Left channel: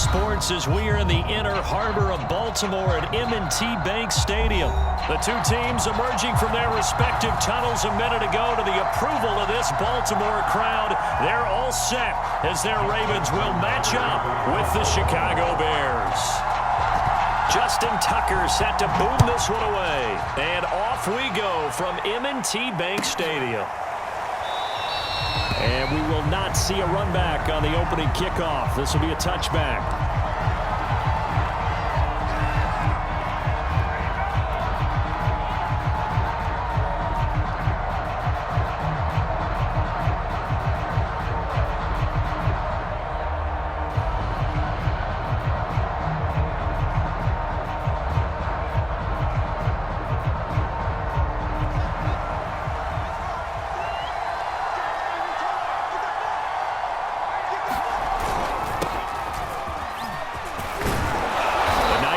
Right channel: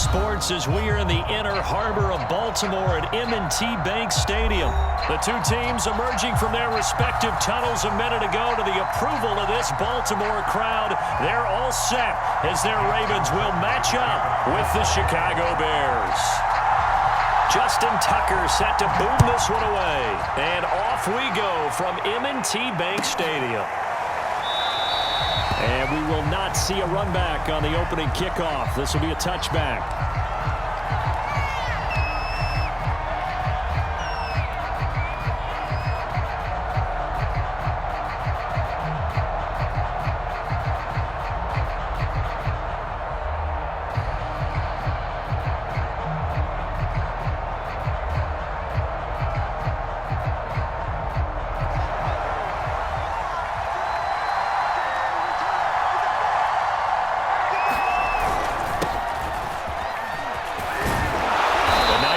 sports as we are in the inner harbor of Baltimore at M&T Bank Stadium. The two teams emerging from their respective tunnels a minute ago to the approval of this Baltimore crowd. They're all set as their Ravens will match up with the Chicago Bears. Justin Tucker set to boom this one away. And off we go from M&T Bank Stadium. And we will not see a run back on the opening kickoff. This will be a touchback.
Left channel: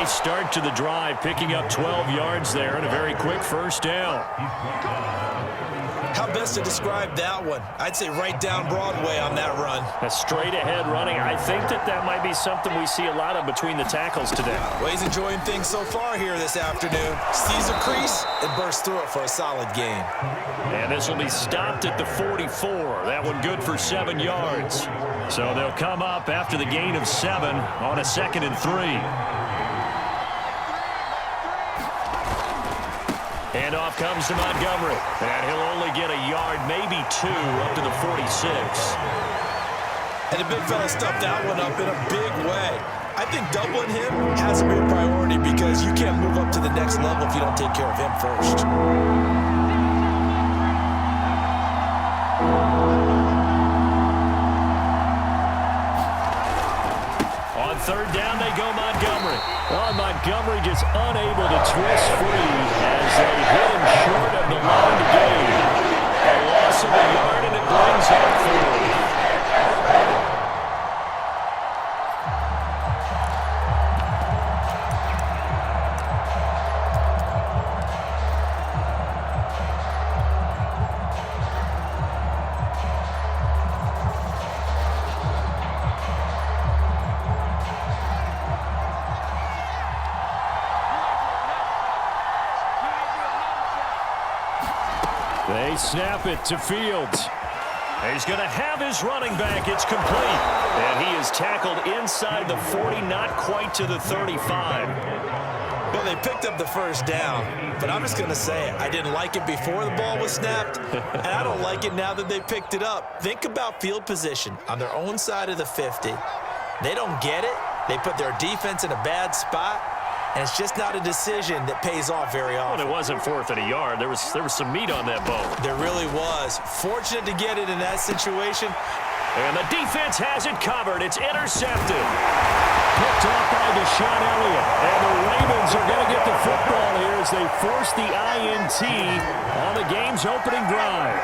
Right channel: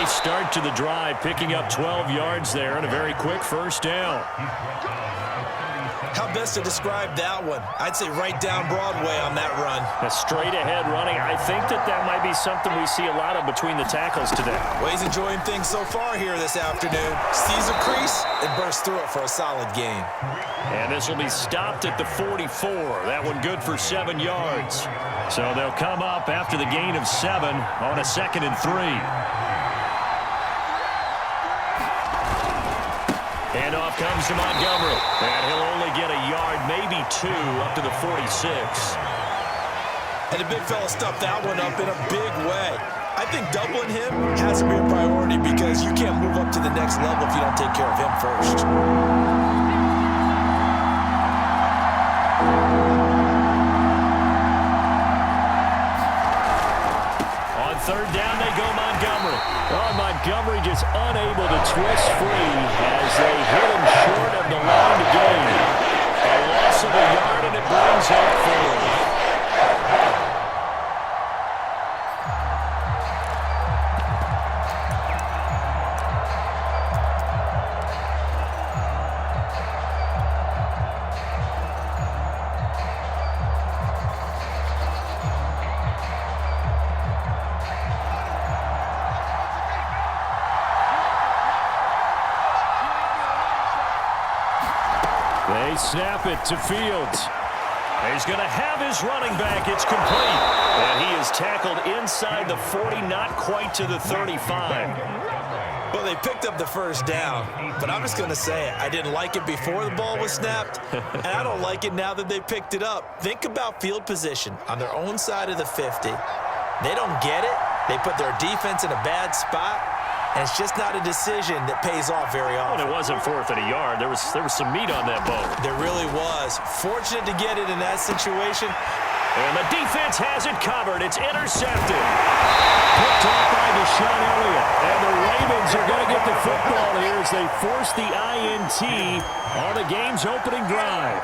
Start to the drive, picking up 12 yards there and a very quick first down. How best to describe that one? I'd say right down Broadway on that run. A straight ahead running. I think that might be something we see a lot of between the tackles today. Well, he's enjoying things so far here this afternoon. Sees a crease and bursts through it for a solid gain. And this will be stopped at the 44. That one good for 7 yards. So they'll come up after the gain of 7 on a 2nd and 3. And off comes to Montgomery. And he'll only get a yard, maybe 2, up to the 46. And the big fella stuffed that one up in a big way. I think doubling him has to be a priority because you can't move up to the next level if you don't take care of him first. On 3rd down, they go Montgomery. Oh, Montgomery just unable to twist free as they hit him short of the line to gain. A loss of a yard, and it brings up 4th. They snap it to Fields. He's going to have his running back. It's complete. And he is tackled inside the 40, not quite to the 35. Well, they picked up the first down, but I'm just going to say it. I didn't like it before the ball was snapped, and I don't like it now that they picked it up. Think about field position on their own side of the 50. They don't get it. They put their defense in a bad spot. And it's just not a decision that pays off very often. Well, it wasn't 4th and a yard. There was some meat on that bone. There really was. Fortunate to get it in that situation. And the defense has it covered. It's intercepted. Picked off by Deshaun Elliott. And the Ravens are going to get the football here as they force the INT on the game's opening drive.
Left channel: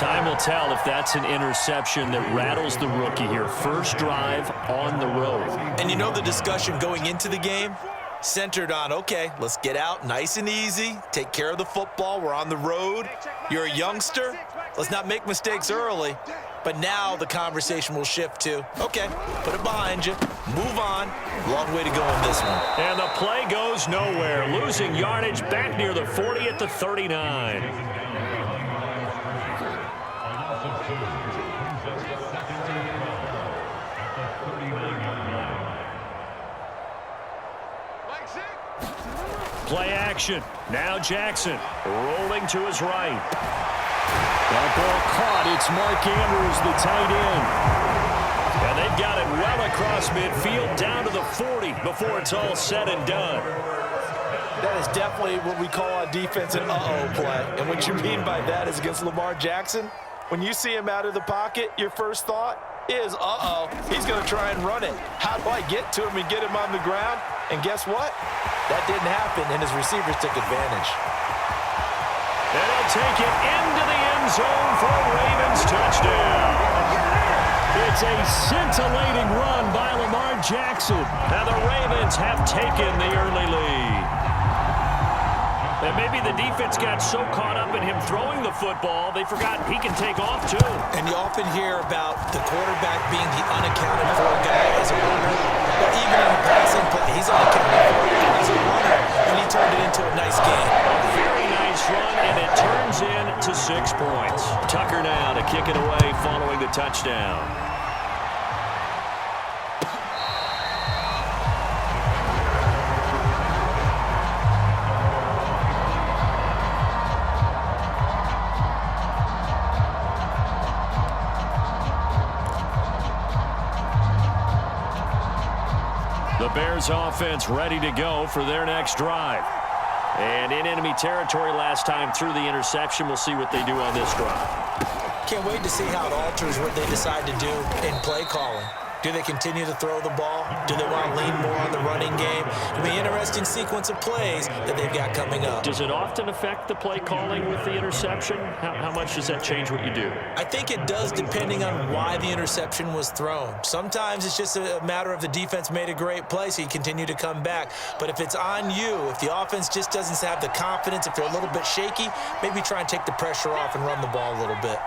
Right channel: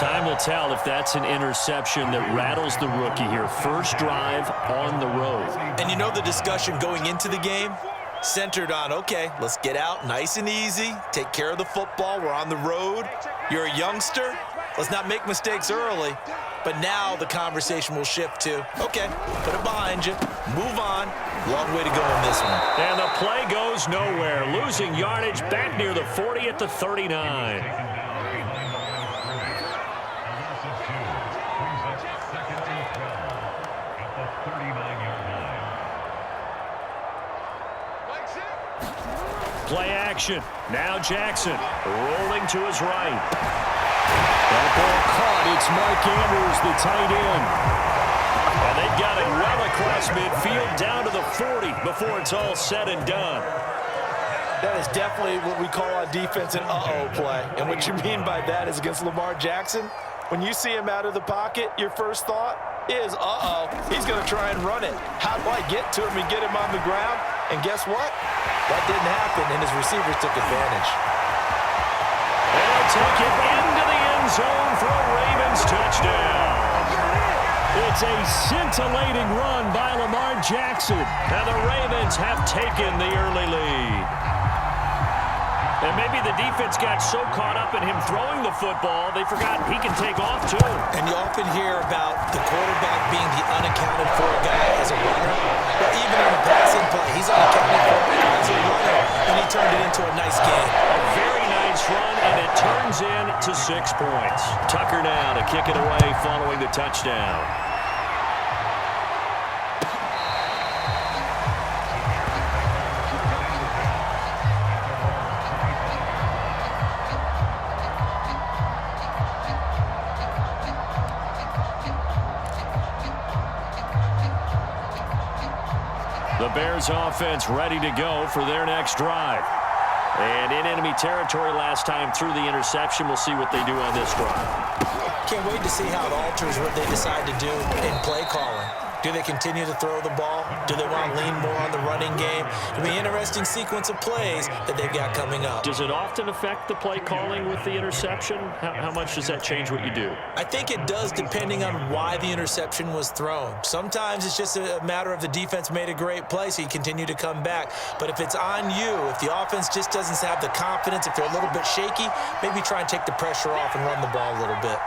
Time will tell if that's an interception that rattles the rookie here. First drive on the road. And you know the discussion going into the game? Centered on, okay, let's get out nice and easy, take care of the football, we're on the road, you're a youngster, let's not make mistakes early. But now the conversation will shift to, okay, put it behind you, move on, long way to go on this one. And the play goes nowhere, losing yardage back near the 40 at the 39. Play action. Now Jackson rolling to his right. That ball caught. It's Mark Andrews, the tight end. And they've got it well across midfield down to the 40 before it's all said and done. That is definitely what we call on defense an uh-oh play. And what you mean by that is against Lamar Jackson, when you see him out of the pocket, your first thought is, uh-oh, he's going to try and run it. How do I get to him and get him on the ground? And guess what? That didn't happen, and his receivers took advantage. And he'll take it into the end zone for a Ravens touchdown. It's a scintillating run by Lamar Jackson. And the Ravens have taken the early lead. And maybe the defense got so caught up in him throwing the football, they forgot he can take off too. And you often hear about the quarterback being the unaccounted for guy as a runner. Well, he's unaccounted for as a runner, and he turned it into a nice game. A very nice run, and it turns into 6 points. Tucker now to kick it away following the touchdown. The Bears offense ready to go for their next drive. And in enemy territory last time through the interception. We'll see what they do on this drive. Can't wait to see how it alters what they decide to do in play calling. Do they continue to throw the ball? Do they want to lean more on the running game? It'll be an interesting sequence of plays that they've got coming up. Does it often affect the play calling with the interception? How much does that change what you do? I think it does, depending on why the interception was thrown. Sometimes it's just a matter of the defense made a great play, so you continue to come back. But if it's on you, if the offense just doesn't have the confidence, if they're a little bit shaky, maybe try and take the pressure off and run the ball a little bit.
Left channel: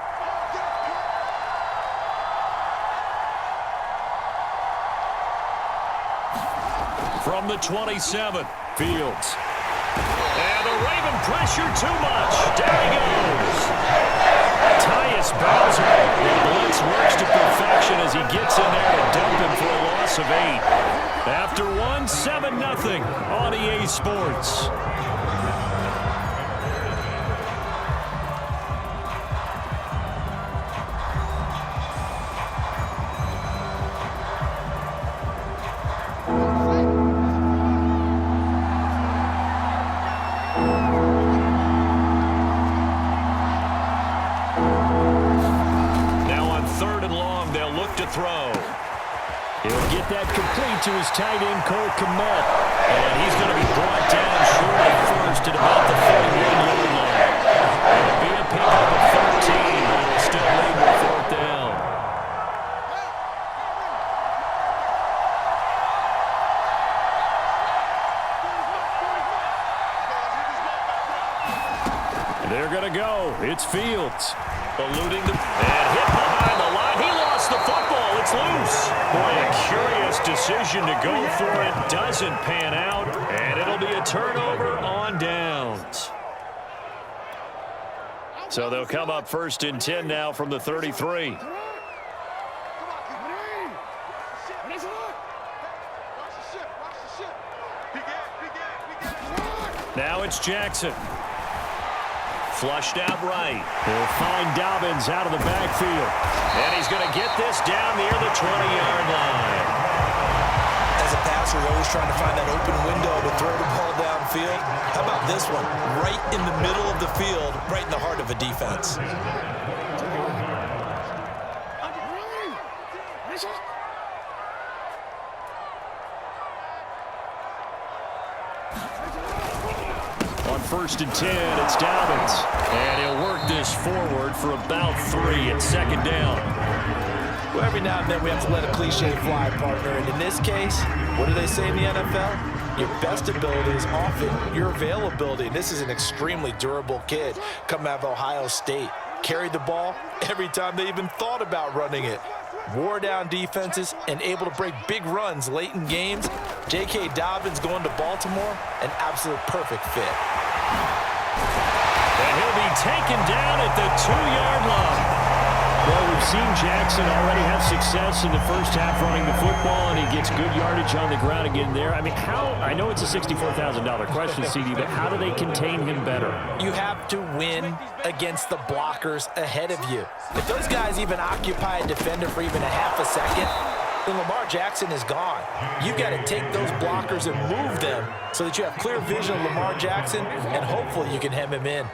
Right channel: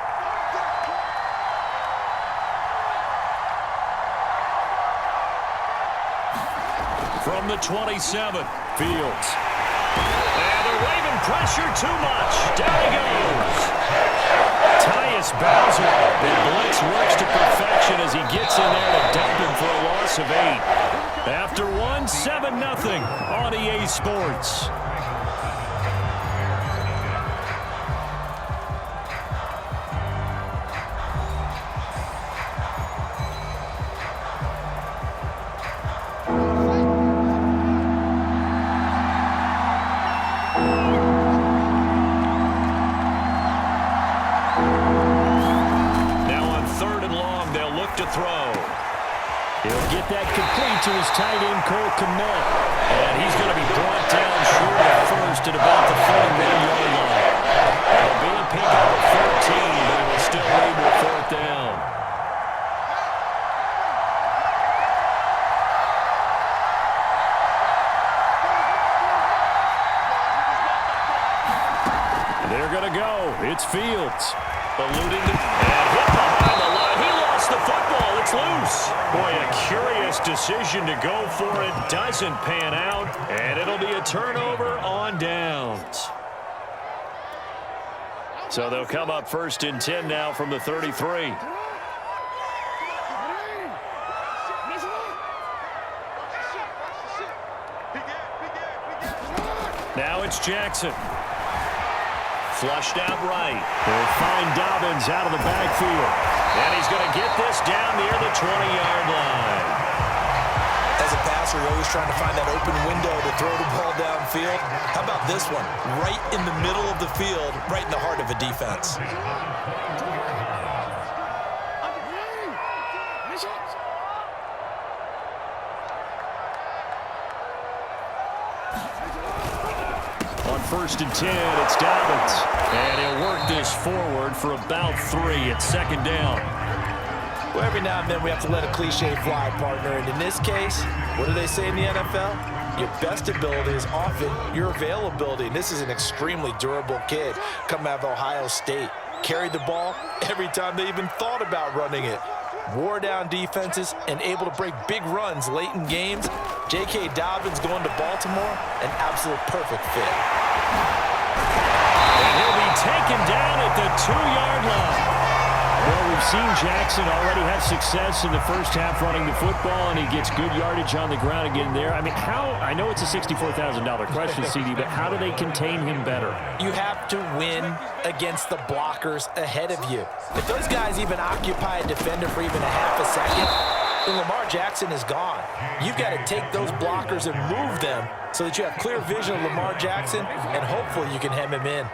From the 27, Fields. And the Raven pressure too much. Down he goes. Tyus Bowser. The blitz works to perfection as he gets in there to dump him for a loss of 8. After one, 7-0 on EA Sports. Throw. He'll get that complete to his tight end, Cole Kmet. And he's going to be brought down short of first at about the 41-yard line. It'll be a pickup of 13, but it'll still lead to a 4th down. They're going to go. It's Fields. Eluding the and hit behind the line. He lost the football. It's loose. Boy, a curious decision to go for it. Doesn't pan out, and it'll be a turnover on downs. So they'll come up 1st and 10 now from the 33. Now it's Jackson. Flushed out right. They'll find Dobbins out of the backfield. And he's going to get this down near the 20-yard line. As a passer, you're always trying to find that open window to throw the ball downfield. How about this one? Right in the middle of the field, right in the heart of a defense. On 1st and 10, it's Dobbins. And he'll work this forward for about 3 at 2nd down. Well, every now and then we have to let a cliche fly, partner. And in this case, what do they say in the NFL? Your best ability is often your availability. And this is an extremely durable kid coming out of Ohio State. Carried the ball every time they even thought about running it. Wore down defenses and able to break big runs late in games. J.K. Dobbins going to Baltimore, an absolute perfect fit. And he'll be taken down at the 2-yard line. Well, we've seen Jackson already have success in the first half running the football, and he gets good yardage on the ground again there. I mean, I know it's a $64,000 question, CD, but how do they contain him better? You have to win against the blockers ahead of you. If those guys even occupy a defender for even a half a second, then Lamar Jackson is gone. You've got to take those blockers and move them so that you have clear vision of Lamar Jackson, and hopefully you can hem him in.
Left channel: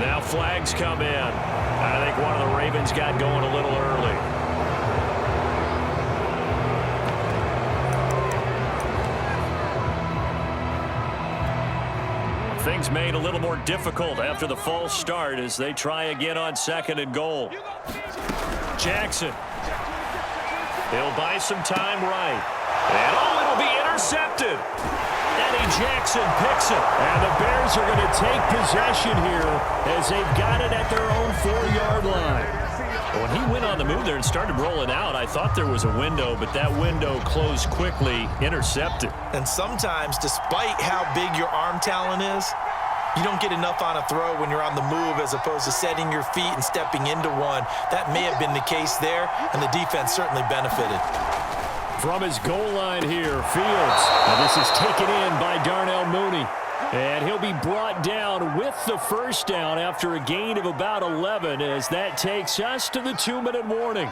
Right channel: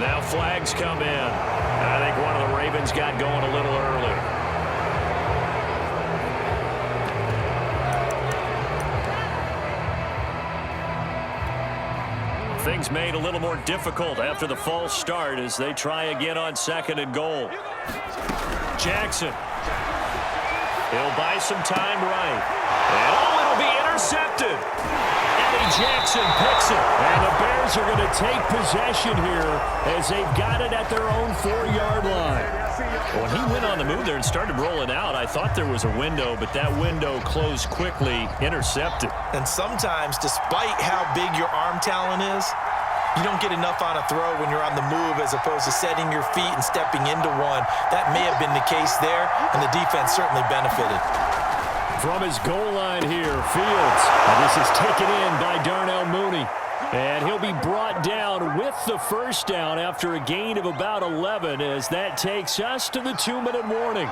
Now flags come in. I think one of the Ravens got going a little early. Things made a little more difficult after the false start as they try again on 2nd and goal. Jackson. He'll buy some time right. And it'll will be intercepted. Eddie Jackson picks it. And the Bears are going to take possession here as they've got it at their own 4-yard line. When he went on the move there and started rolling out, I thought there was a window, but that window closed quickly, intercepted. And sometimes, despite how big your arm talent is, you don't get enough on a throw when you're on the move as opposed to setting your feet and stepping into one. That may have been the case there, and the defense certainly benefited. From his goal line here, Fields. And this is taken in by Darnell Mooney. And he'll be brought down with the first down after a gain of about 11 as that takes us to the 2-minute warning.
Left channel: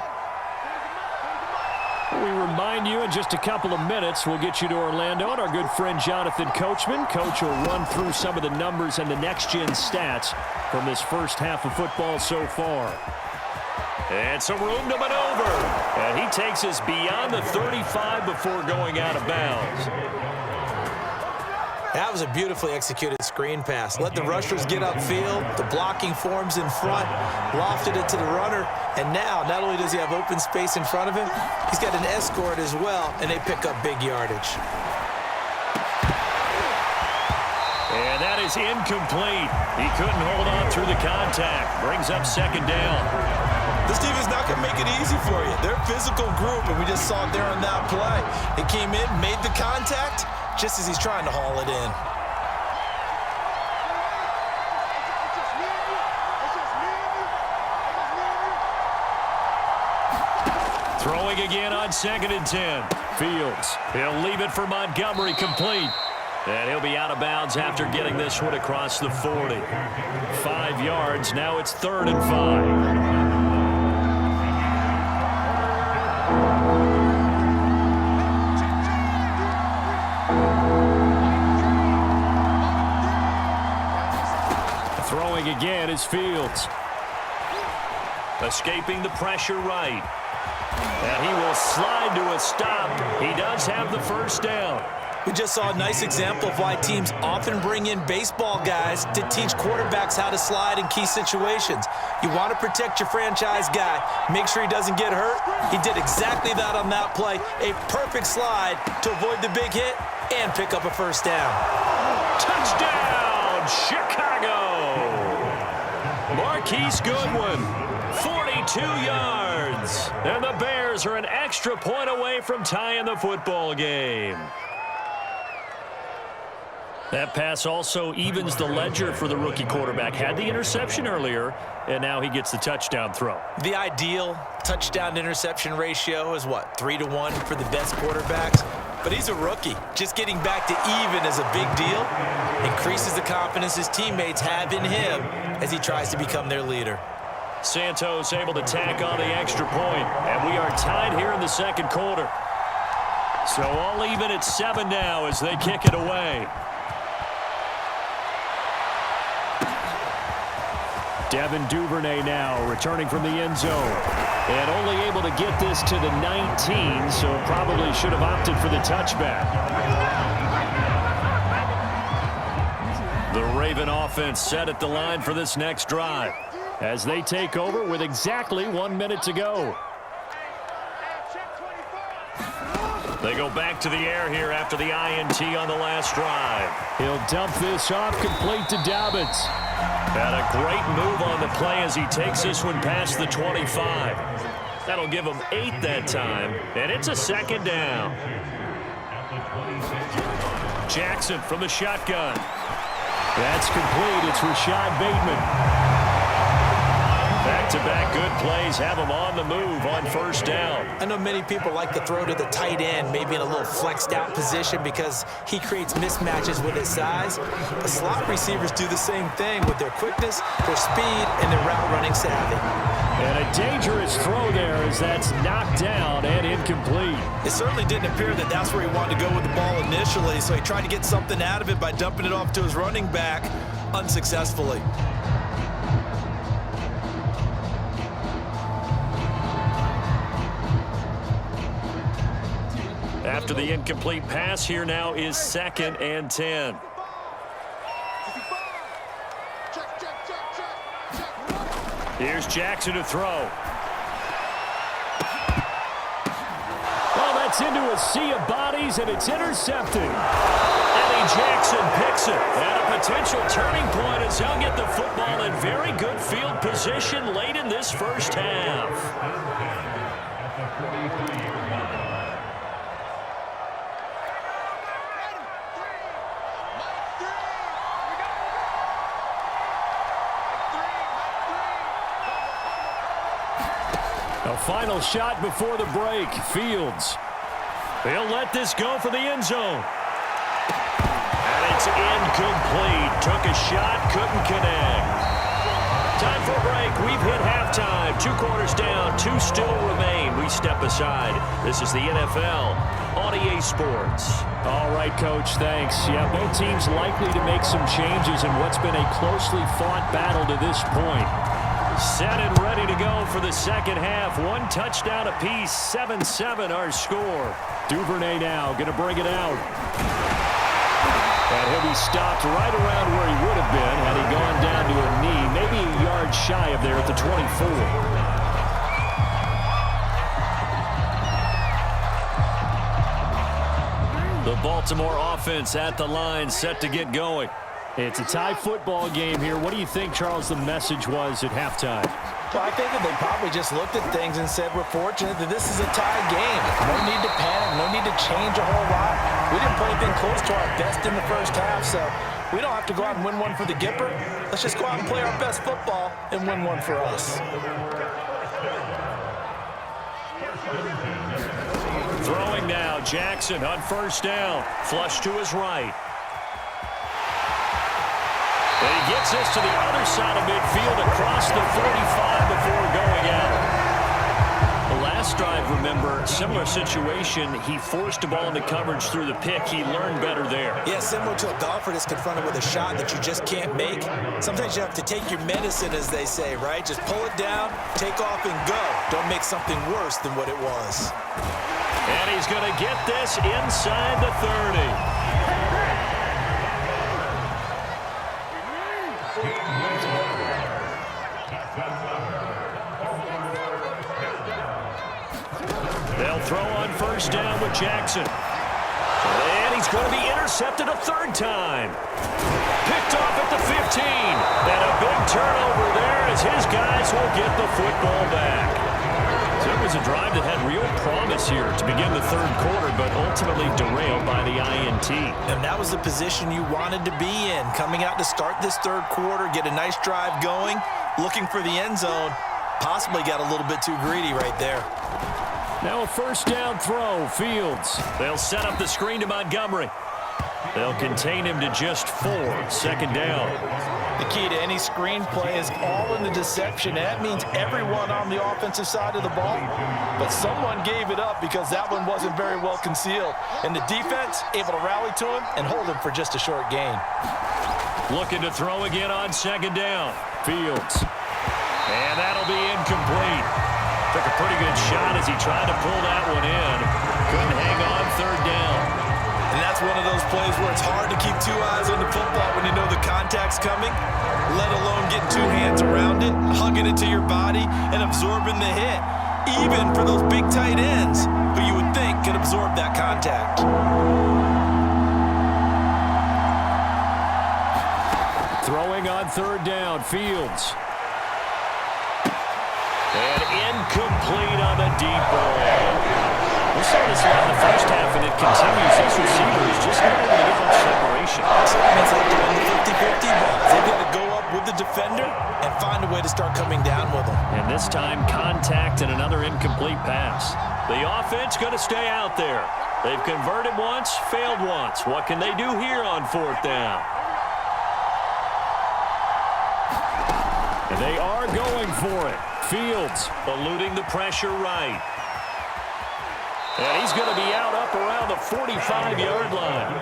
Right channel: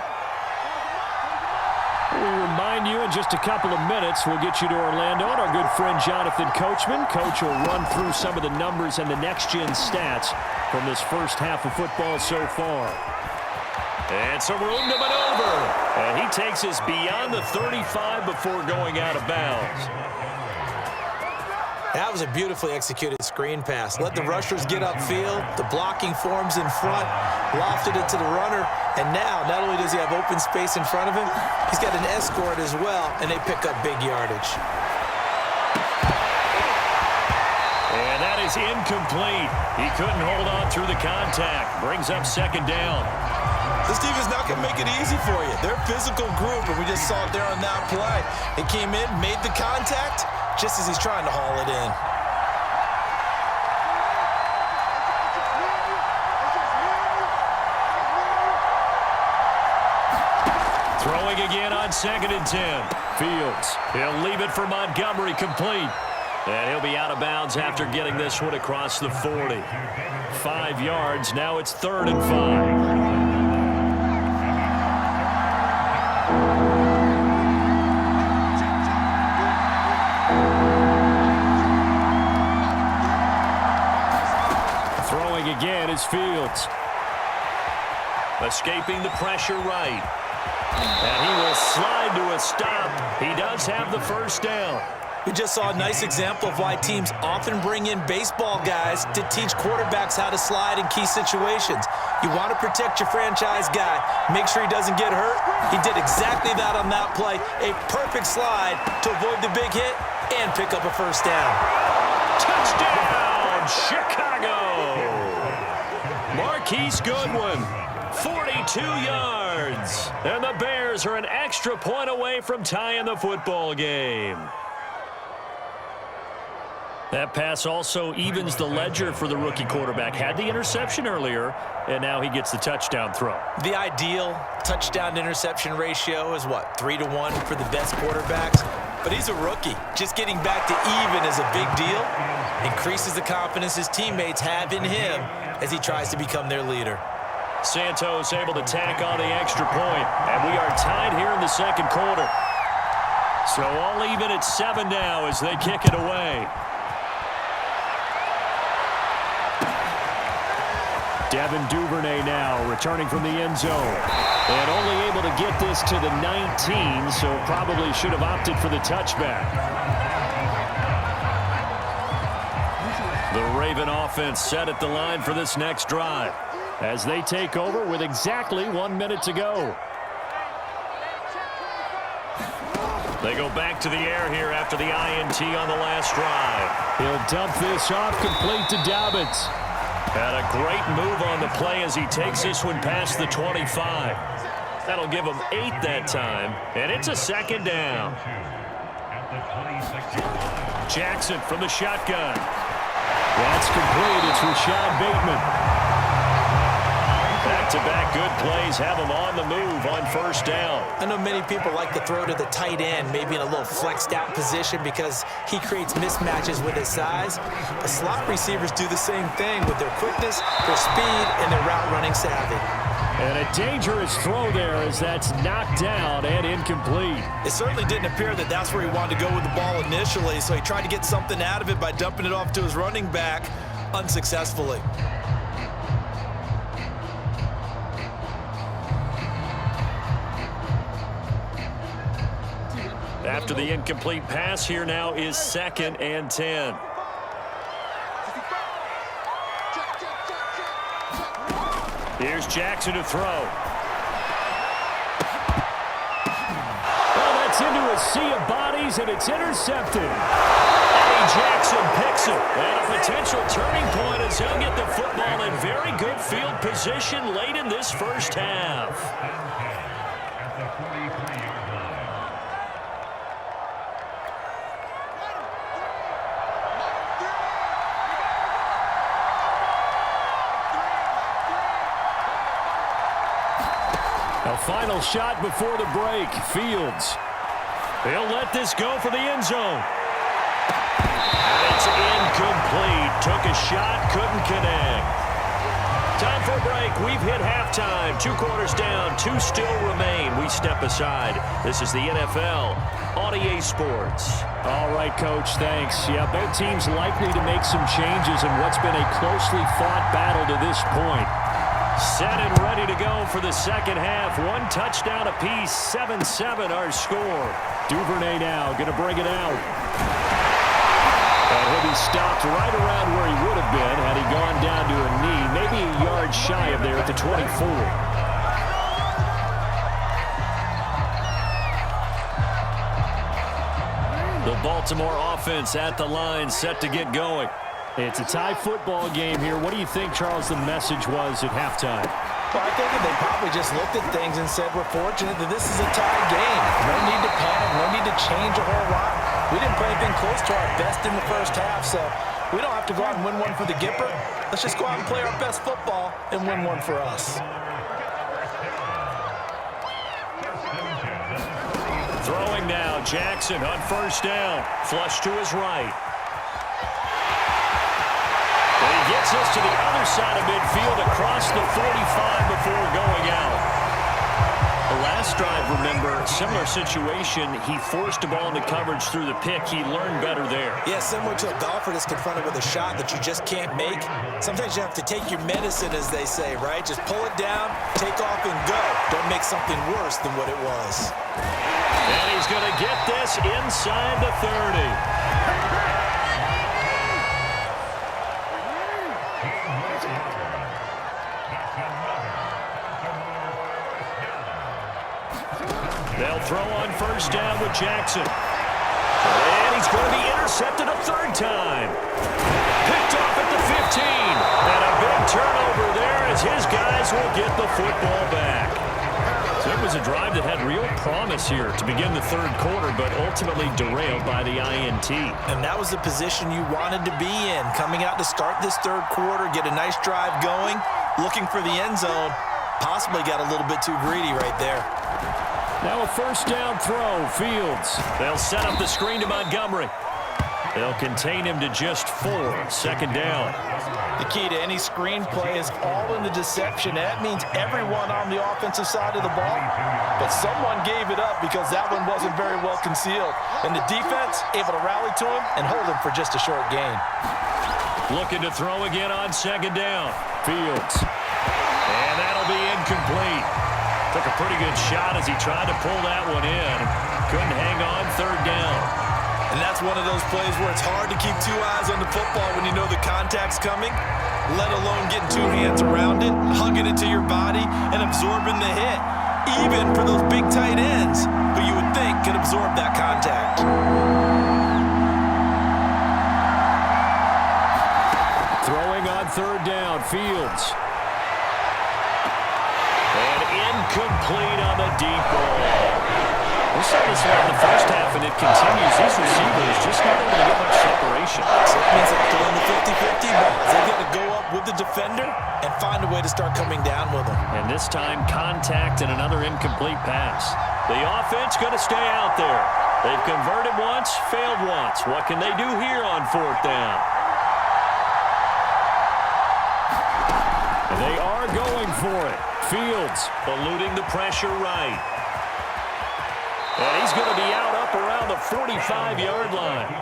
We remind you in just a couple of minutes, we'll get you to Orlando and our good friend Jonathan Coachman. Coach will run through some of the numbers and the next-gen stats from this first half of football so far. And some room to maneuver. And he takes us beyond the 35 before going out of bounds. That was a beautifully executed screen pass. Let the rushers get upfield. The blocking forms in front. Lofted it to the runner. And now, not only does he have open space in front of him, he's got an escort as well, and they pick up big yardage. And that is incomplete. He couldn't hold on through the contact. Brings up second down. This team is not going to make it easy for you. They're a physical group, and we just saw it there on that play. He came in, made the contact, just as he's trying to haul it in. Throwing again on 2nd and 10. Fields. He'll leave it for Montgomery, complete. And he'll be out of bounds after getting this one across the 40. 5 yards. Now it's 3rd and 5. Throwing again is Fields. Escaping the pressure right. And he will slide to a stop. He does have the first down. We just saw a nice example of why teams often bring in baseball guys to teach quarterbacks how to slide in key situations. You want to protect your franchise guy. Make sure he doesn't get hurt. He did exactly that on that play. A perfect slide to avoid the big hit and pick up a first down. Touchdown, Chicago! Marquise Goodwin, 42 yards. And the Bears are an extra point away from tying the football game. That pass also evens the ledger for the rookie quarterback. Had the interception earlier, and now he gets the touchdown throw. The ideal touchdown-interception ratio is, what, 3-to-1 for the best quarterbacks? But he's a rookie. Just getting back to even is a big deal. Increases the confidence his teammates have in him as he tries to become their leader. Santos able to tack on the extra point, and we are tied here in the second quarter. So all even at 7 now as they kick it away. Devin Duvernay now returning from the end zone. And only able to get this to the 19, so probably should have opted for the touchback. The Raven offense set at the line for this next drive as they take over with exactly 1 minute to go. They go back to the air here after the INT on the last drive. He'll dump this off complete to Dobbins. And a great move on the play as he takes this one past the 25. That'll give him 8 that time, and it's a second down. Jackson from the shotgun. That's complete. It's Rashad Bateman. Back-to-back good plays have him on the move on first down. I know many people like to throw to the tight end, maybe in a little flexed out position because he creates mismatches with his size. But slot receivers do the same thing with their quickness, their speed, and their route running savvy. And a dangerous throw there as that's knocked down and incomplete. It certainly didn't appear that that's where he wanted to go with the ball initially, so he tried to get something out of it by dumping it off to his running back unsuccessfully. After the incomplete pass, here now is 2nd and 10. Here's Jackson to throw. Oh, that's gets into a sea of bodies, and it's intercepted. Eddie Jackson picks it. And a potential turning point as he'll get the football in very good field position late in this first half. A final shot before the break. Fields. He'll let this go for the end zone. And it's incomplete. Took a shot, couldn't connect. Time for a break. We've hit halftime. 2 quarters down, 2 still remain. We step aside. This is the NFL on EA Sports. All right, Coach, thanks. Yeah, both teams likely to make some changes in what's been a closely fought battle to this point. Set and ready to go for the second half. 1 touchdown apiece, 7-7 our score. Duvernay now going to bring it out. And he'll be stopped right around where he would have been had he gone down to a knee, maybe a yard shy of there at the 24. The Baltimore offense at the line, set to get going. It's a tie football game here. What do you think, Charles, the message was at halftime? Well, I think that they probably just looked at things and said, we're fortunate that this is a tie game. No need to panic. No need to change a whole lot. We didn't play anything close to our best in the first half, so we don't have to go out and win one for the Gipper. Let's just go out and play our best football and win one for us. Throwing now, Jackson on first down. Flush to his right. And he gets this to the other side of midfield across the 45 before going out. The last drive, remember, similar situation. He forced the ball into coverage through the pick. He learned better there. Yeah, similar to a golfer that's confronted with a shot that you just can't make. Sometimes you have to take your medicine, as they say, right? Just pull it down, take off, and go. Don't make something worse than what it was. And he's going to get this inside the 30. They'll throw on first down with Jackson. And he's going to be intercepted a 3rd time. Picked off at the 15. And a big turnover there as his guys will get the football back. So it was a drive that had real promise here to begin the 3rd quarter, but ultimately derailed by the INT. And that was the position you wanted to be in. Coming out to start this 3rd quarter, get a nice drive going, looking for the end zone. Possibly got a little bit too greedy right there. Now a first down throw, Fields. They'll set up the screen to Montgomery. They'll contain him to just 4, 2nd down. The key to any screen play is all in the deception. That means everyone on the offensive side of the ball, but someone gave it up because that one wasn't very well concealed. And the defense able to rally to him and hold him for just a short gain. Looking to throw again on 2nd down. Fields. And that'll be incomplete. Took a pretty good shot as he tried to pull that one in. Couldn't hang on 3rd down. And that's one of those plays where it's hard to keep 2 eyes on the football when you know the contact's coming, let alone getting 2 hands around it, hugging it to your body, and absorbing the hit, even for those big tight ends who you would think could absorb that contact. Throwing on 3rd down, Fields. And incomplete on the deep ball. We saw this a lot in the first half, and it continues. These receivers just not able to get much separation. So that means they have to win the 50-50 balls. They've got to go up with the defender and find a way to start coming down with them. And this time, contact and another incomplete pass. The offense going to stay out there. They've converted once, failed once. What can they do here on 4th down? And they are going for it. Fields eluding the pressure right. And he's going to be out up around the 45-yard line.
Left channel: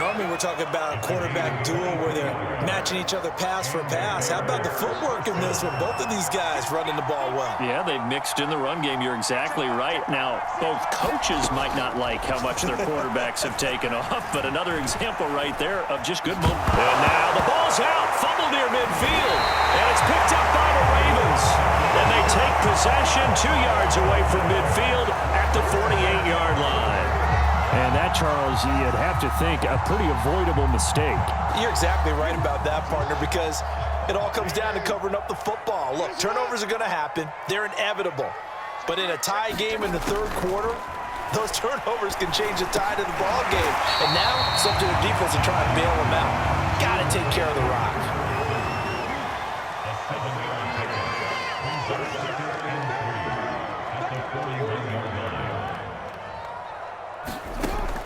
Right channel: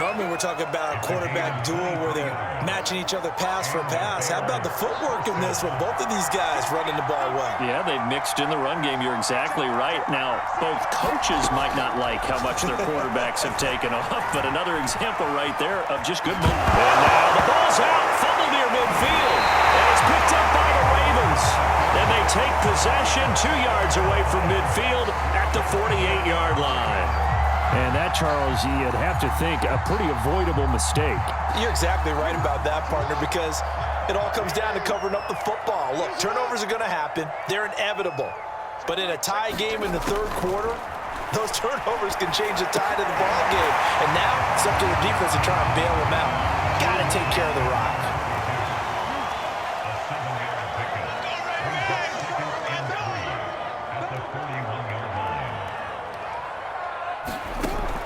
Normally we're talking about a quarterback duel where they're matching each other pass for pass. How about the footwork in this one? Both of these guys running the ball well. Yeah, they've mixed in the run game. You're exactly right. Now, both coaches might not like how much their quarterbacks have taken off, but another example right there of just good movement. And now the ball's out, fumbled near midfield, and it's picked up by the Ravens. And they take possession. possession, 2 yards away from midfield at the 48-yard line. And that, Charles, you'd have to think a pretty avoidable mistake. You're exactly right about that, partner, because it all comes down to covering up the football. Look, turnovers are going to happen. They're inevitable. But in a tie game in the third quarter, those turnovers can change the tide of the ball game. And now it's up to their defense to try and bail them out. Got to take care of the rock.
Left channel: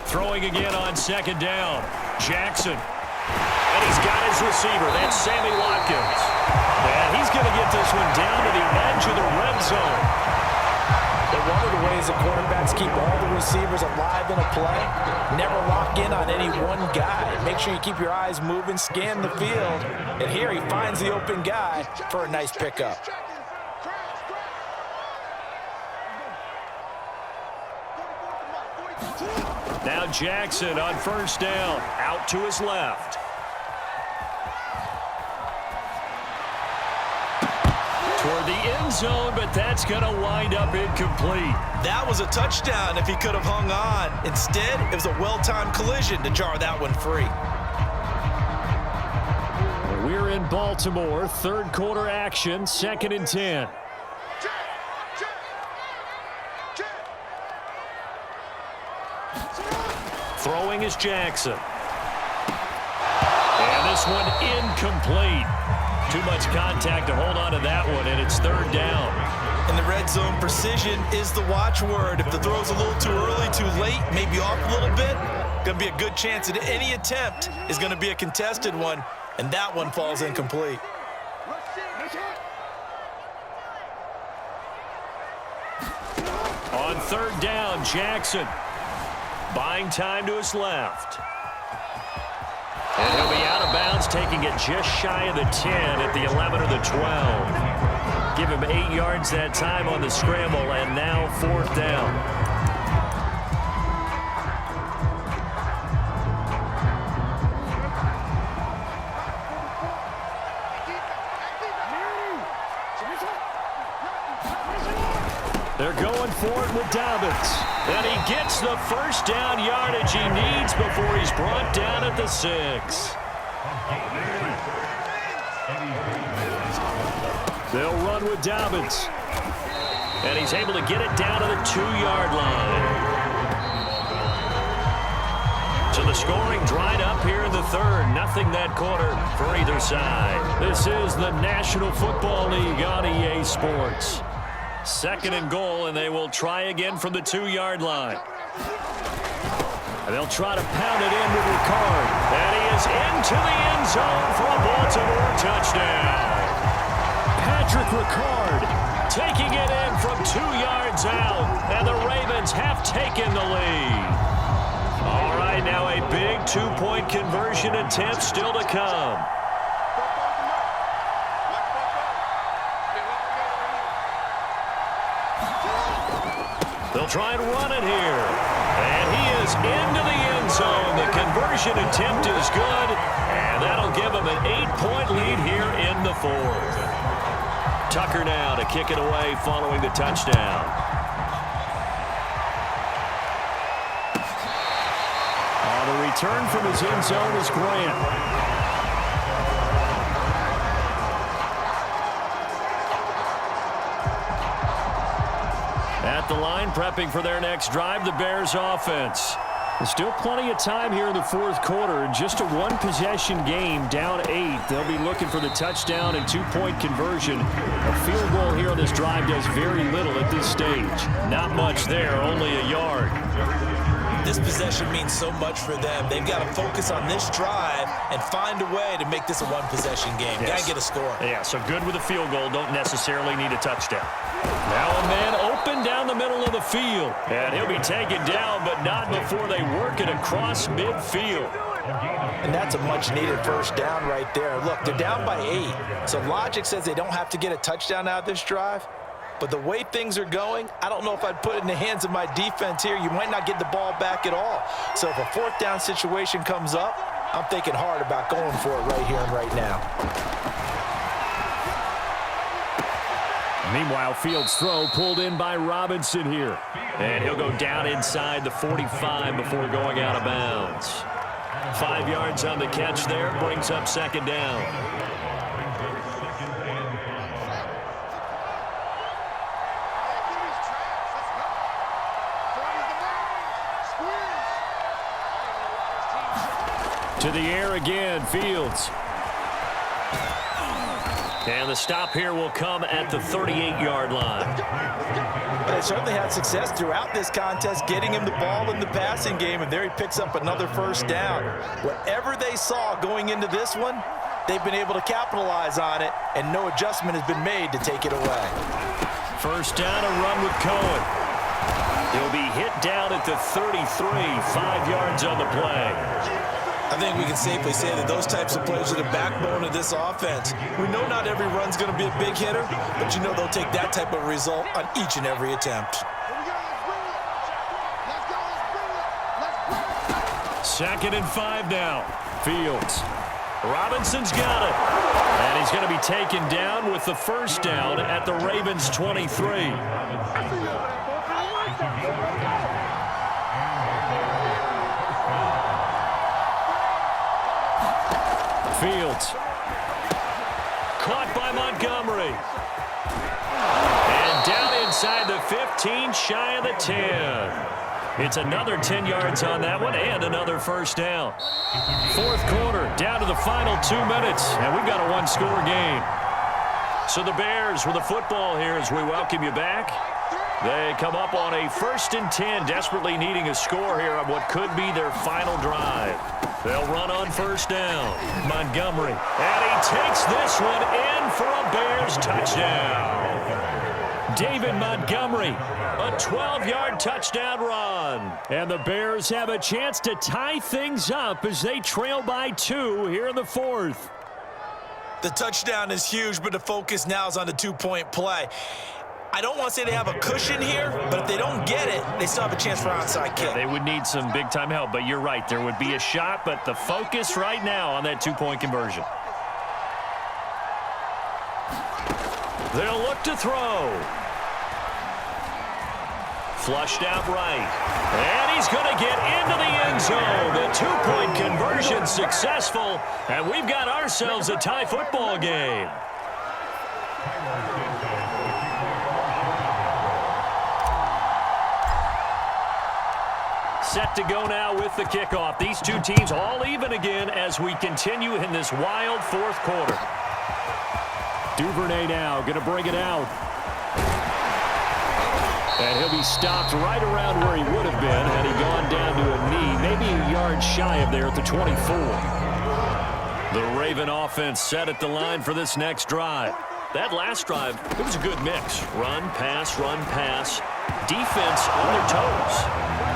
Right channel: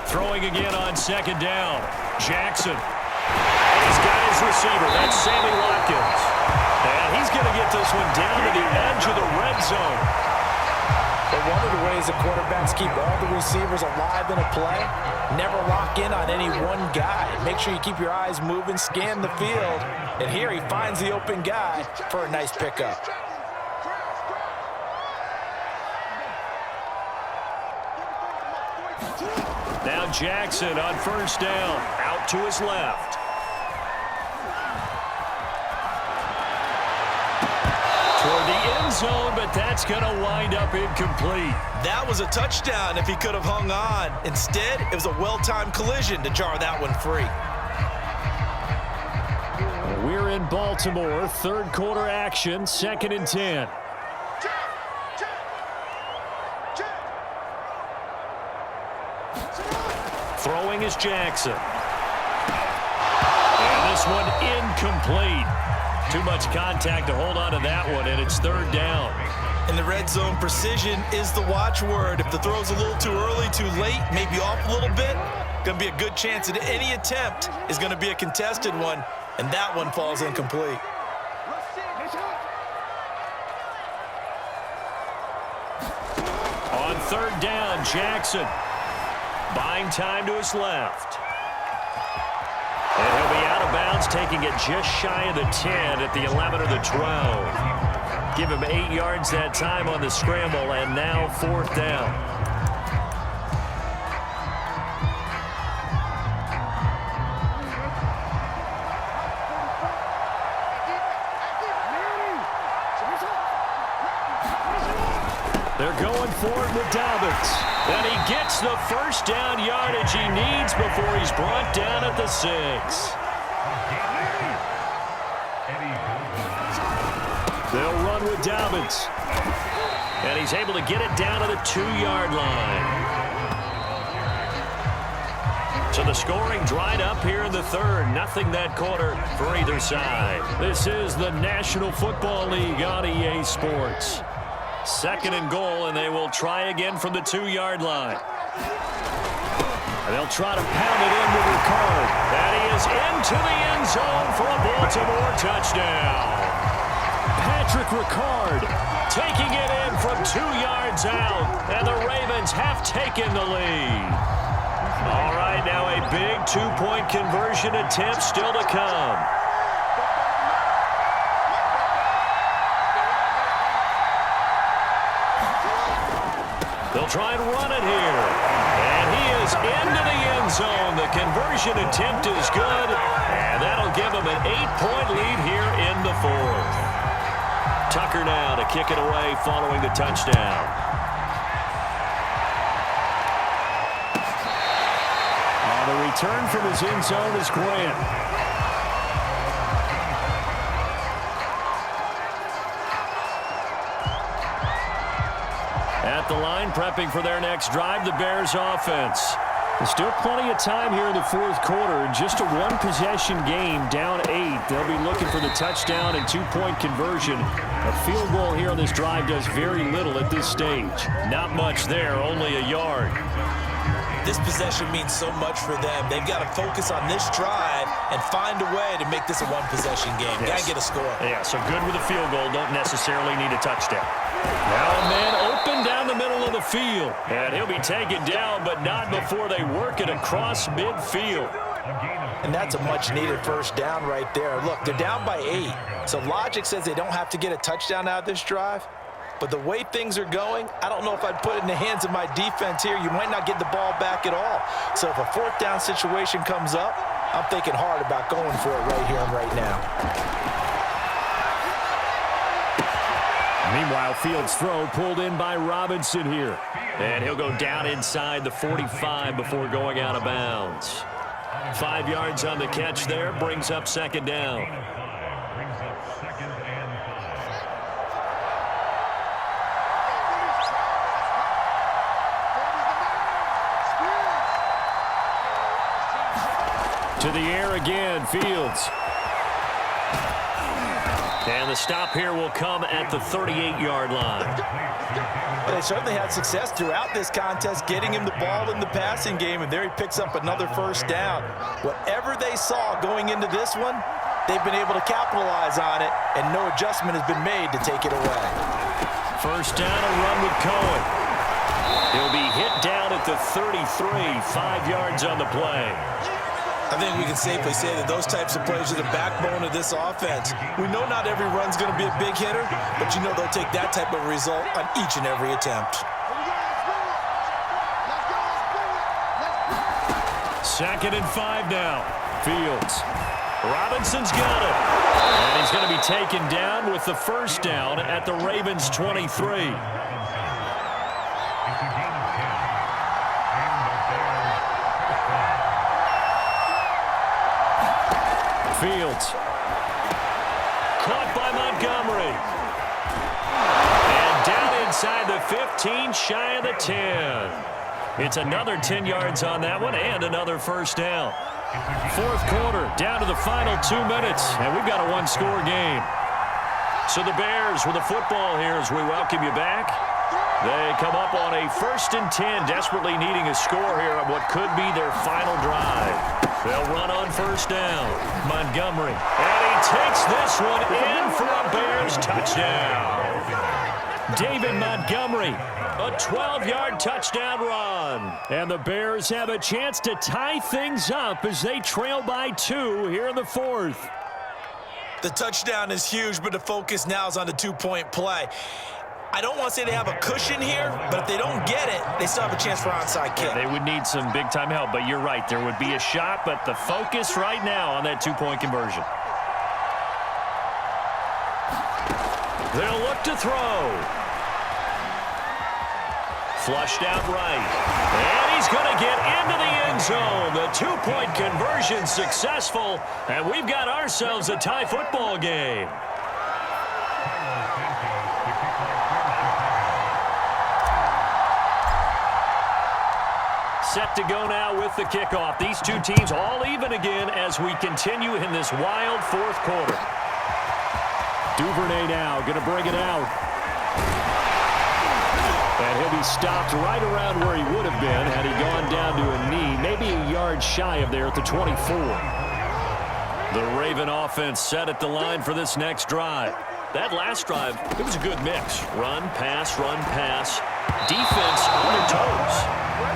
Throwing again on second down. Jackson. And he's got his receiver. That's Sammy Watkins. And he's going to get this one down to the edge of the red zone. But one of the ways that quarterbacks keep all the receivers alive in a play, never lock in on any one guy. Make sure you keep your eyes moving, scan the field. And here he finds the open guy for a nice pickup. Now Jackson on first down, out to his left. Toward the end zone, but that's going to wind up incomplete. That was a touchdown if he could have hung on. Instead, it was a well-timed collision to jar that one free. We're in Baltimore, third quarter action, 2nd and 10. Throwing is Jackson. And this one incomplete. Too much contact to hold on to that one, and it's third down. In the red zone, precision is the watchword. If the throw's a little too early, too late, maybe off a little bit, going to be a good chance that any attempt is going to be a contested one, and that one falls incomplete. On third down, Jackson. Buying time to his left. And he'll be out of bounds, taking it just shy of the 10 at the 11 or the 12. Give him 8 yards that time on the scramble, and now fourth down. They're going for it with Dobbins. And he gets the first down yardage he needs before he's brought down at the 6. They'll run with Dobbins. And he's able to get it down to the 2-yard line. So the scoring dried up here in the third. Nothing that quarter for either side. This is the National Football League on EA Sports. 2nd and goal, and they will try again from the 2-yard line. And they'll try to pound it in with Ricard. And he is into the end zone for a Baltimore touchdown. Patrick Ricard taking it in from 2 yards out, and the Ravens have taken the lead. All right, now a big 2-point conversion attempt still to come. They'll try and run it here. And he is into the end zone. The conversion attempt is good, and that'll give him an 8-point lead here in the fourth. Tucker now to kick it away following the touchdown. The return from his end zone is Grant. At the line, prepping for their next drive, the Bears offense. There's still plenty of time here in the fourth quarter. Just a one-possession game, down 8. They'll be looking for the touchdown and 2-point conversion. A field goal here on this drive does very little at this stage. Not much there, only a yard. This possession means so much for them. They've got to focus on this drive and find a way to make this a one-possession game. Yes. Got to get a score. Yeah, so good with a field goal. Don't necessarily need a touchdown. Now a man open down the middle of the field. And he'll be taken down, but not before they work it across midfield. And that's a much-needed first down right there. Look, they're down by 8. So logic says they don't have to get a touchdown out of this drive. But the way things are going, I don't know if I'd put it in the hands of my defense here. You might not get the ball back at all. So if a fourth down situation comes up, I'm thinking hard about going for it right here and right now. Meanwhile, Fields' throw pulled in by Robinson here. And he'll go down inside the 45 before going out of bounds. 5 yards on the catch there, brings up second down. To the air again, Fields. And the stop here will come at the 38-yard line. They certainly had success throughout this contest, getting him the ball in the passing game, and there he picks up another first down. Whatever they saw going into this one, they've been able to capitalize on it, and no adjustment has been made to take it away. First down, a run with Cohen. He'll be hit down at the 33, 5 yards on the play. I think we can safely say that those types of plays are the backbone of this offense. We know not every run's going to be a big hitter, but you know they'll take that type of result on each and every attempt. Second and 5 now. Fields. Robinson's got it. And he's going to be taken down with the first down at the Ravens' 23. Fields. Caught by Montgomery. And down inside the 15, shy of the 10. It's another 10 yards on that one and another first down. Fourth quarter, down to the final 2 minutes, and we've got a one-score game. So the Bears with the football here as we welcome you back. They come up on a 1st and 10, desperately needing a score here on what could be their final drive. They'll run on first down. Montgomery. And he takes this one in for a Bears touchdown. David Montgomery, a 12-yard touchdown run. And the Bears have a chance to tie things up as they trail by 2 here in the fourth. The touchdown is huge, but the focus now is on the two-point play. I don't want to say they have a cushion here, but if they don't get it, they still have a chance for onside kick. They would need some big-time help, but you're right. There would be a shot, but the focus right now on that two-point conversion. They'll look to throw. Flushed out right. And he's going to get into the end zone. The two-point conversion successful, and we've got ourselves a tie football game. Set to go now with the kickoff. These two teams all even again as we continue in this wild fourth quarter. Duvernay now going to bring it out. And he'll be stopped right around where he would have been had he gone down to a knee, maybe a yard shy of there at the 24. The Raven offense set at the line for this next drive. That last drive, it was a good mix. Run, pass, defense on their toes.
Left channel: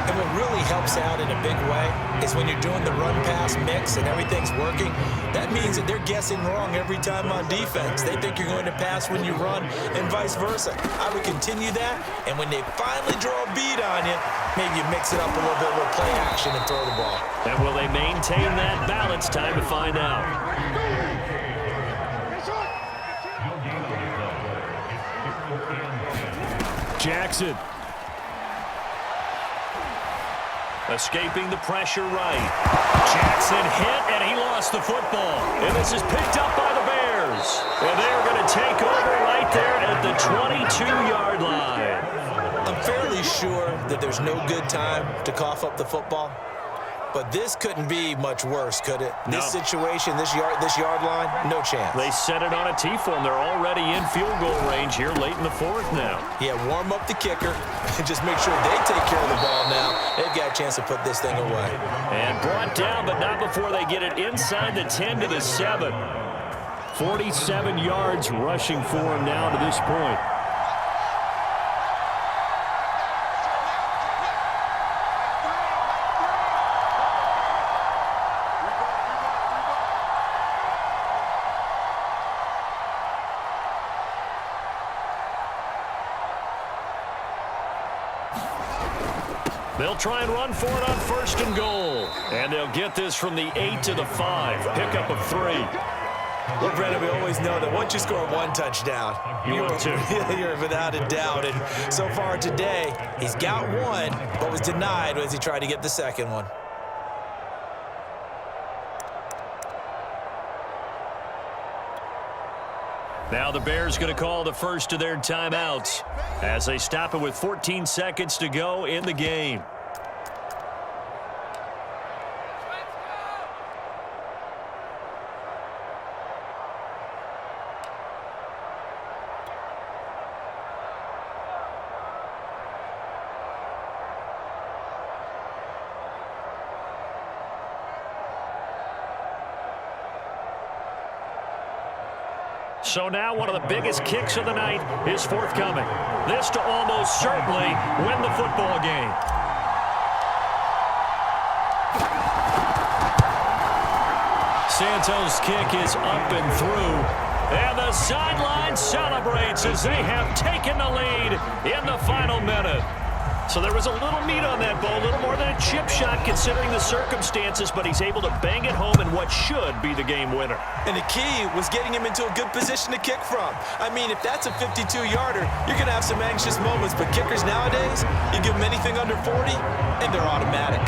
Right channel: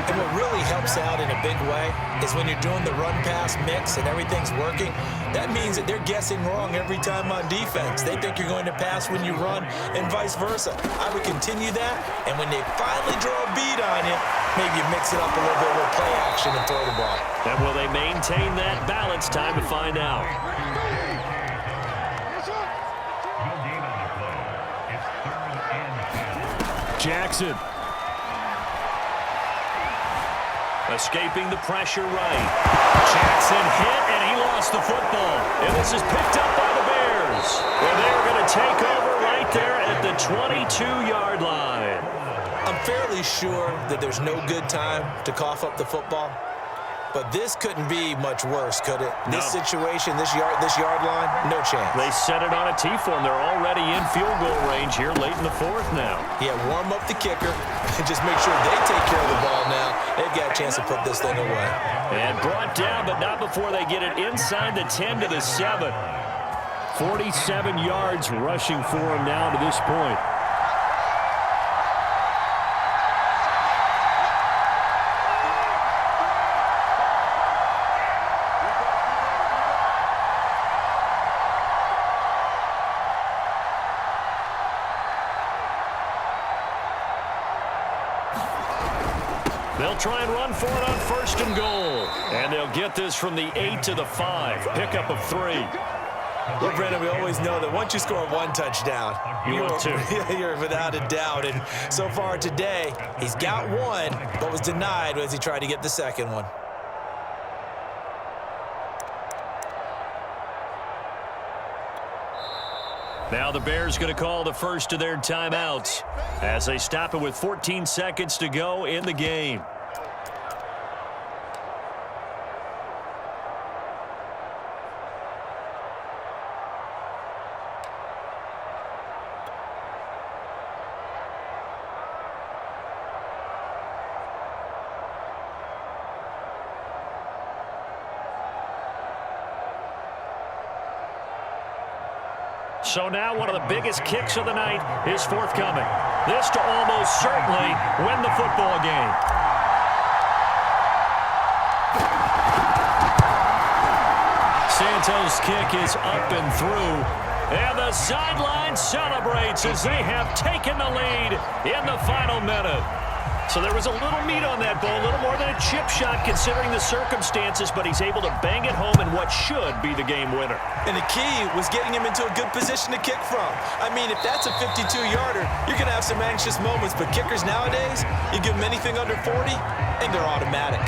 And what really helps out in a big way is when you're doing the run-pass mix and everything's working, that means that they're guessing wrong every time on defense. They think you're going to pass when you run and vice versa. I would continue that, and when they finally draw a bead on you, maybe you mix it up a little bit with play action and throw the ball. And will they maintain that balance? Time to find out. Jackson. Escaping the pressure right. Jackson hit, and he lost the football. And this is picked up by the Bears. And they're going to take over right there at the 22-yard line. I'm fairly sure that there's no good time to cough up the football. But this couldn't be much worse, could it? No. This situation, this yard line, no chance. They set it on a T-form. They're already in field goal range here late in the fourth now. Yeah, warm up the kicker and just make sure they take care of the ball now. They've got a chance to put this thing away. And brought down, but not before they get it inside the 10 to the 7. 47 yards rushing for him now to this point. They'll try and run for it on first and goal. And they'll get this from the 8 to the 5. Pickup of 3. Well, Brennan, we always know that once you score one touchdown, you're without a doubt. And so far today, he's got one, but was denied as he tried to get the second one. Now the Bears going to call the first of their timeouts as they stop it with 14 seconds to go in the game. So now one of the biggest kicks of the night is forthcoming. This to almost certainly win the football game. Santos' kick is up and through. And the sideline celebrates as they have taken the lead in the final minute. So there was a little meat on that ball, a little more than a chip shot considering the circumstances, but he's able to bang it home in what should be the game winner. And the key was getting him into a good position to kick from. I mean, if that's a 52-yarder, you're going to have some anxious moments, but kickers nowadays, you give them anything under 40, and they're automatic.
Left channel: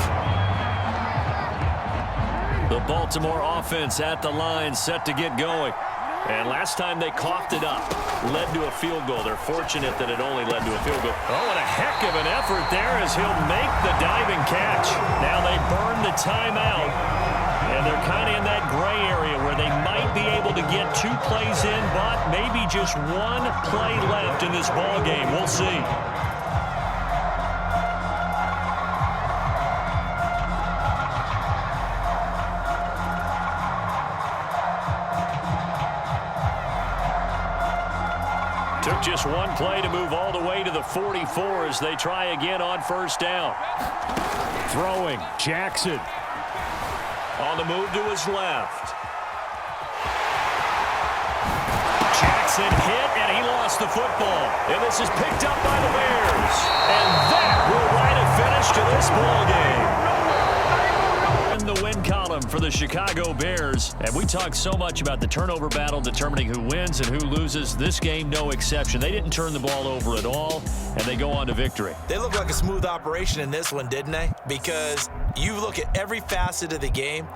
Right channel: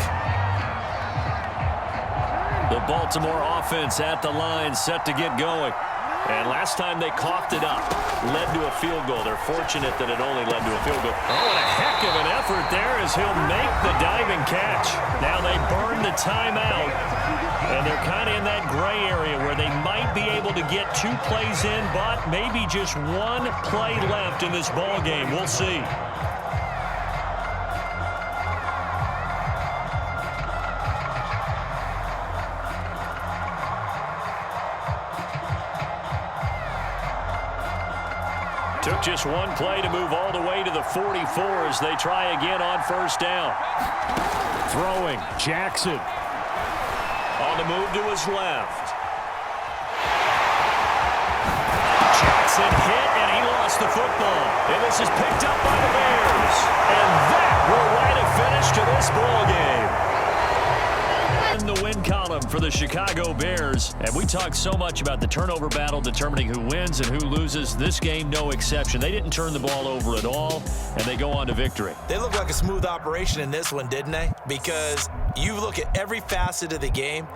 The Baltimore offense at the line, set to get going. And last time they coughed it up, led to a field goal. They're fortunate that it only led to a field goal. Oh, and a heck of an effort there as he'll make the diving catch. Now they burn the timeout, and they're kind of in that gray area where they might be able to get 2 plays in, but maybe just 1 play left in this ball game. We'll see. Took just 1 play to move all the way to the 44 as they try again on first down. Throwing, Jackson. On the move to his left. Jackson hit, and he lost the football. And this is picked up by the Bears. And that will write a finish to this ball game. In the win column for the Chicago Bears. And we talk so much about the turnover battle determining who wins and who loses. This game, no exception. They didn't turn the ball over at all, and they go on to victory. They look like a smooth operation in this one, didn't they? Because you look at every facet of the game,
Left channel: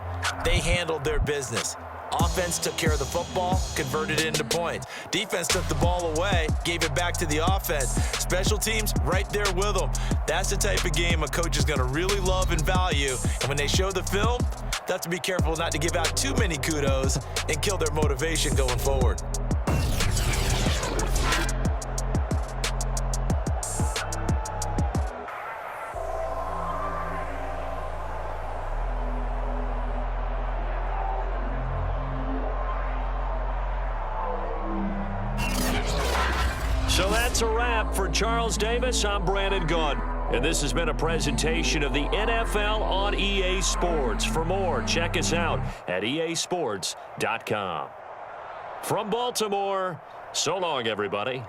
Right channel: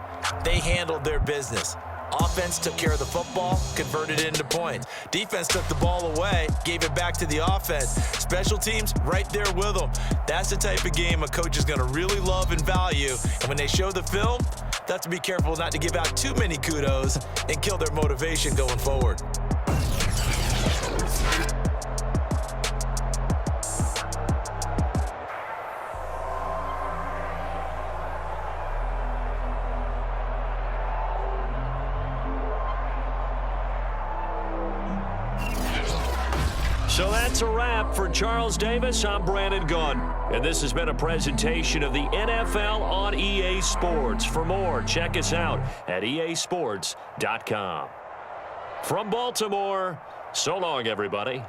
they handled their business. Offense took care of the football, converted it into points. Defense took the ball away, gave it back to the offense. Special teams, right there with them. That's the type of game a coach is going to really love and value. And when they show the film, they have to be careful not to give out too many kudos and kill their motivation going forward. So that's a wrap for Charles Davis. I'm Brandon Gunn. And this has been a presentation of the NFL on EA Sports. For more, check us out at easports.com. From Baltimore, so long, everybody.